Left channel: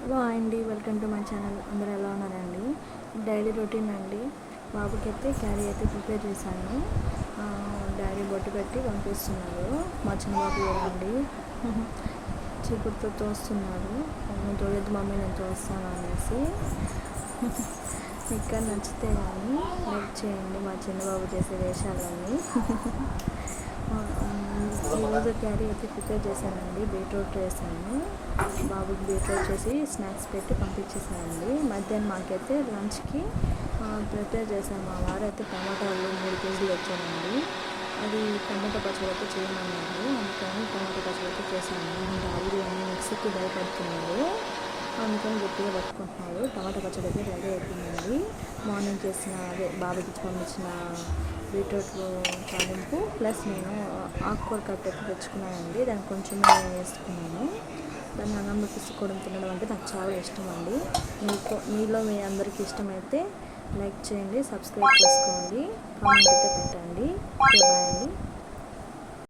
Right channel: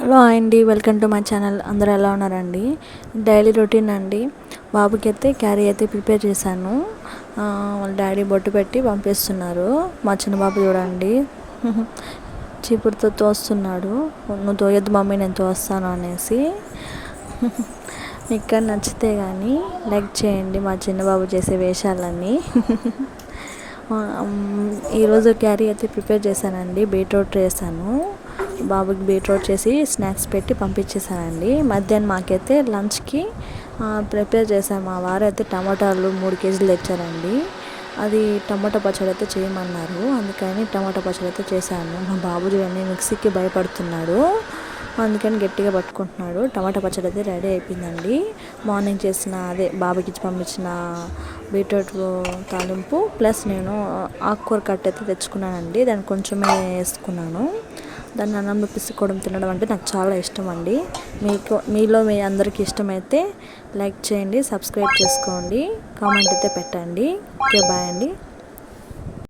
Hello అండి, welcome to my channel. అందరూ ఎలా ఉన్నారండి? డైలీ రొటీన్ అండి. బాబుకి అయితే క్యారీ అయితే ప్రిపేర్ చేశాను. వాళ్ళ డాడీ బొట్టు పెట్టి పంపిస్తున్నారు. మా చిన్న బాబు చూడండి చీపురుతో తోస్తున్నాడు. నువ్వు తోయొద్దు మమ్మీ, నేను తోస్తాను అనేసి. మీకు నచ్చితే కానీ లైక్ చేయండి మా చిన్న బాబు చేసే వేషాలన్నీ. ఈరోజు క్యారీ అయితే ప్రిపేర్ చేశానండి. బీట్రూట్ చేశాను. బాబుకి బీట్రూట్ చేసి స్నాక్స్ పెట్టి పంపించేసానండి. మధ్యాహ్నం మాకైతే లంచ్కి ప్రిపేర్ చేశాను. మా వారు అయితే టమాటాలు 3 కేజీలు తెచ్చారండి. అది టమాటా పచ్చడి అయితే చేయమన్నారు, అందుకని టమాటా పచ్చడి అయితే చేశాను. మా బాబు చూడండి మిక్సీకి భయపడుతున్నాడు, అందుకని గట్టిగా పట్టుకుంటున్నాడు. టమాటా పచ్చడి అయితే రెడీ అయిపోయిందండి. మార్నింగ్ చేసిన బాబుకి ఇచ్చి పంపించిన బీట్రూట్ తాలింపు ప్లస్ నేను ఆకుకూర కట్ అయితే తెచ్చుకున్నానండి. దాన్ని కొంచెమే వేసుకున్నాను. దాన్ని అన్నంలో పిసుకోవడం తినడం అంటే నాకు చాలా ఇష్టం అండి. మీలో మీ అందరికీ ఇష్టమైతే లైక్ చేయండి, సబ్స్క్రైబ్ చేసుకోండి, కామెంట్ అయితే పెట్టండి. ఓకే, బాయ్ అండి.